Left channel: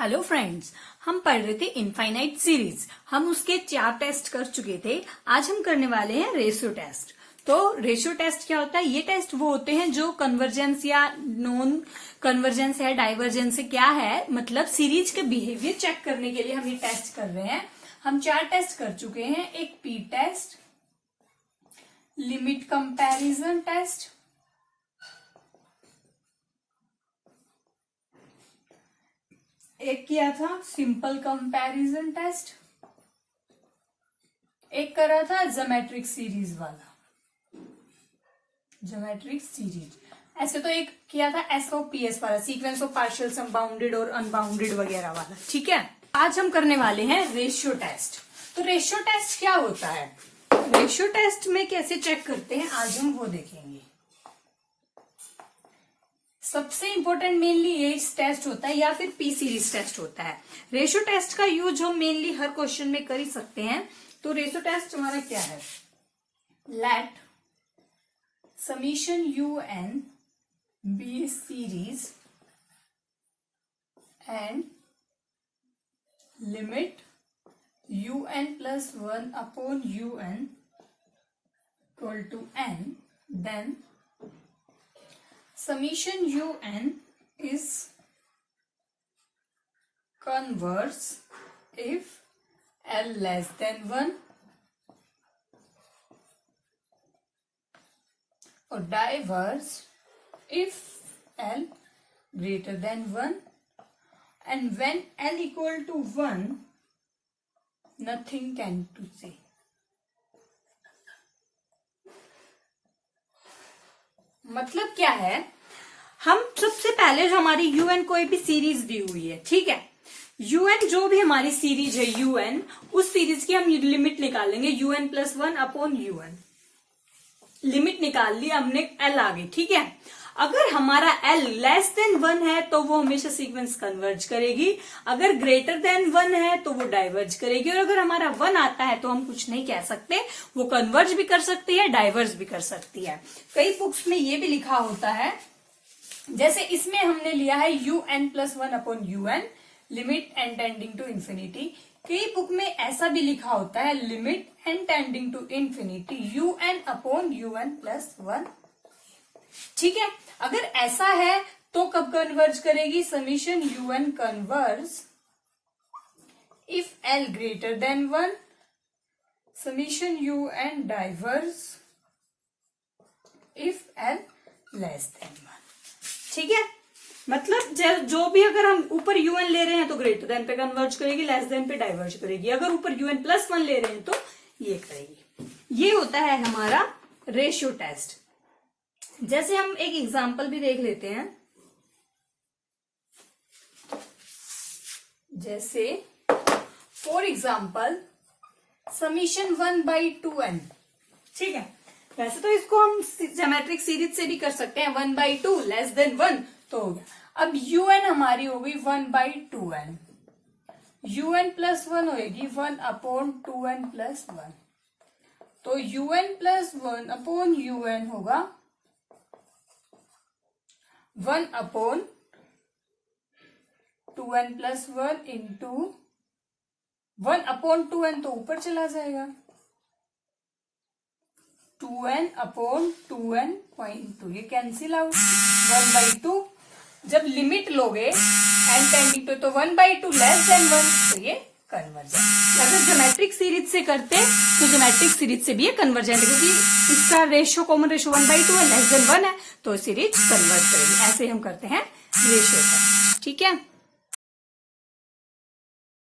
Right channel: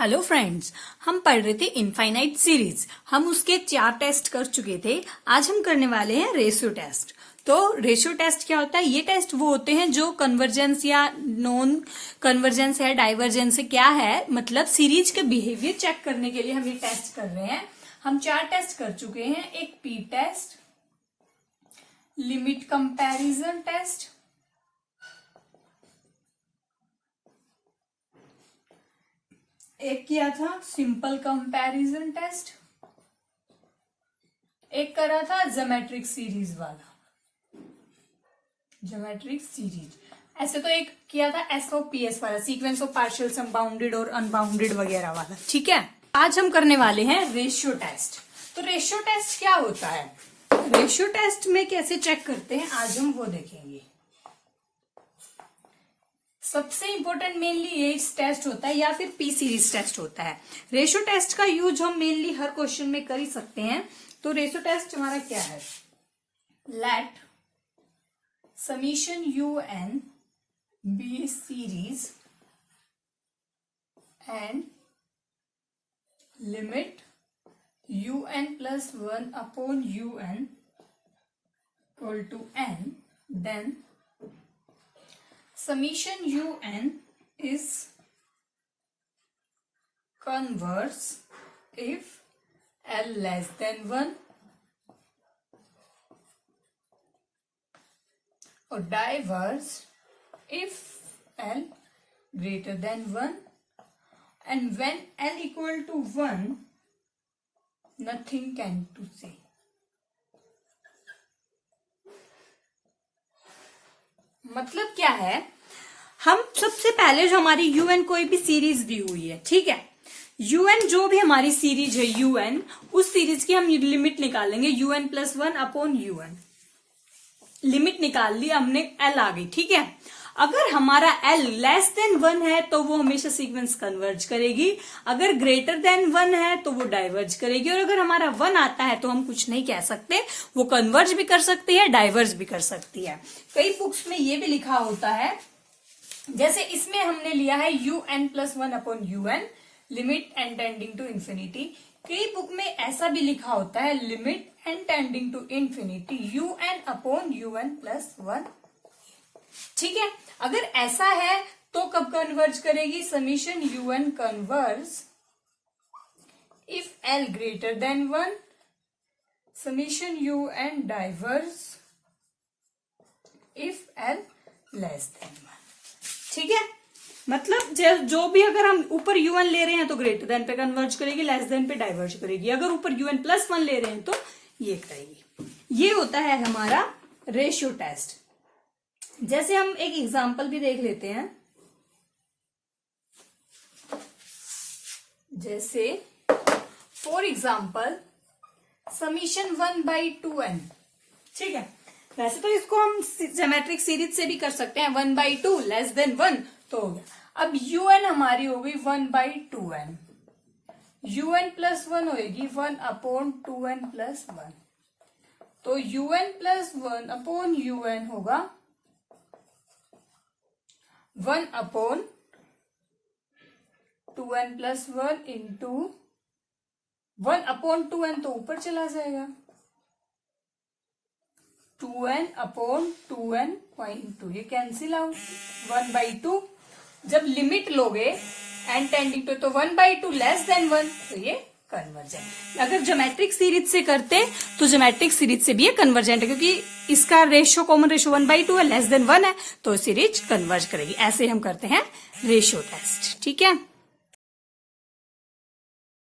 Hello friends, हम पढ़ रहे थे इनफाइनाइट सीरीज। हम उसके 4 टेस्ट कर चुके थे। आज हम करने वाले हैं रेशियो टेस्ट। तो रेशियो टेस्ट क्या होता है? ये टेस्ट वो होते हैं जो कन्वर्जेंस या नॉन कन्वर्जेंस या डाइवर्जेंस से क्या है, मतलब सीरीज के बिहेवियर चेक करने के लिए हम ये टेस्ट कर रहे हैं। हम 4 टेस्ट कर चुके हैं। एक P test, limit comparison test, एक किया था सिंपल कंपैरिजन टेस्ट, एक करा था ज्योमेट्रिक सीरीज वाला, ज्योमेट्रिक सीरीज। ऐसे तो एक किया था एसओपीएस वाला, sequence of partial sum bounded और अनबाउंडेड वगैरह वाला। ठीक है, आज हम करने वाले हैं रेशियो टेस्ट। तो रेशियो टेस्ट क्या होता है, रेशियो टेस्ट में कैसे चेक करते हैं, आज हम वो देखेंगे। सबसे इंपॉर्टेंट मेनली ये टेस्ट होता है या फिर पी सीरीज टेस्ट होता है। रेशियो टेस्ट का यूज हम मेनली हर क्वेश्चन में कर ही सकते हैं। तो रेशियो टेस्ट हमारा क्या है, let summation u n be series and limit u n plus 1 upon u n equal to n, then summation un is converse if L less than 1 or diverse if L greater than 1, and when L equal to 1 nothing can to say। मतलब क्या है, हम सबसे पहले जो हमारी UN कोई भी सीरीज दी हुई है, ठीक है, यूएन जो भी हमारी सीरीज है यूएन, उस सीरीज की हम लिमिट निकालेंगे UN plus 1 upon UN. Limit निकाल ली हमने, एल आ गई। ठीक है, अगर हमारा एल लेस देन 1 है तो वो हमेशा सीक्वेंस कन्वर्ज करेगी, अगर ग्रेटर देन 1 है तो वो डाइवर्ज करेगी, और अगर हमारा 1 आता है तो हम कुछ नहीं कह सकते, वो कन्वर्ज भी कर सकती है, डाइवर्ज भी कर सकती है। कई बुक्स में ये भी लिखा होता है, जैसे इसमें हमने लिया है u n plus 1 upon u n, limit n tending to infinity. कई बुक में ऐसा भी लिखा होता है limit n tending to infinity u n upon u n plus 1। ठीक है, अगर ऐसा है तो कब कन्वर्ज करेगी, summation u n converge if l greater than 1, summation u n diverge if l less than 1। ठीक है, मतलब जो भी अगर हम ऊपर यूएन ले रहे हैं तो ग्रेटर देन पे कन्वर्ज करेगी, लेस देन पे डाइवर्ज करेगी, अगर ऊपर यूएन प्लस 1 ले रहे हैं तो ये करेगी। ये होता है हमारा रेशियो टेस्ट। जैसे हम एक एग्जाम्पल भी देख लेते हैं, जैसे फॉर एग्जाम्पल समीशन 1/2n। ठीक है, वैसे तो इसको हम ज्योमेट्रिक सीरीज से भी कर सकते हैं, 1/2 लेस देन 1 तो हो गया। अब un हमारी हो गई 1/2n, un प्लस 1 होगी 1 अपॉन 2n प्लस 1, तो un प्लस 1 अपॉन un होगा 1 upon 2n plus 1 into 1 upon 2n तो ऊपर चला जाएगा, 2n अपॉन 2n पॉइंट 2, ये कैंसिल आउट, 1/2। जब लिमिट लोगे एन टेंडिंग तो 1/2 लेस देन 1 तो ये कन्वर्जेंट। अगर ज्योमेट्रिक सीरीज से करते तो ज्योमेट्रिक सीरीज से भी ये कन्वर्जेंट है, क्योंकि इसका रेशियो कॉमन रेशियो 1/2 है, लेस देन 1 है तो सीरीज कन्वर्ज करेगी। ऐसे हम करते हैं रेशियो टेस्ट। ठीक है।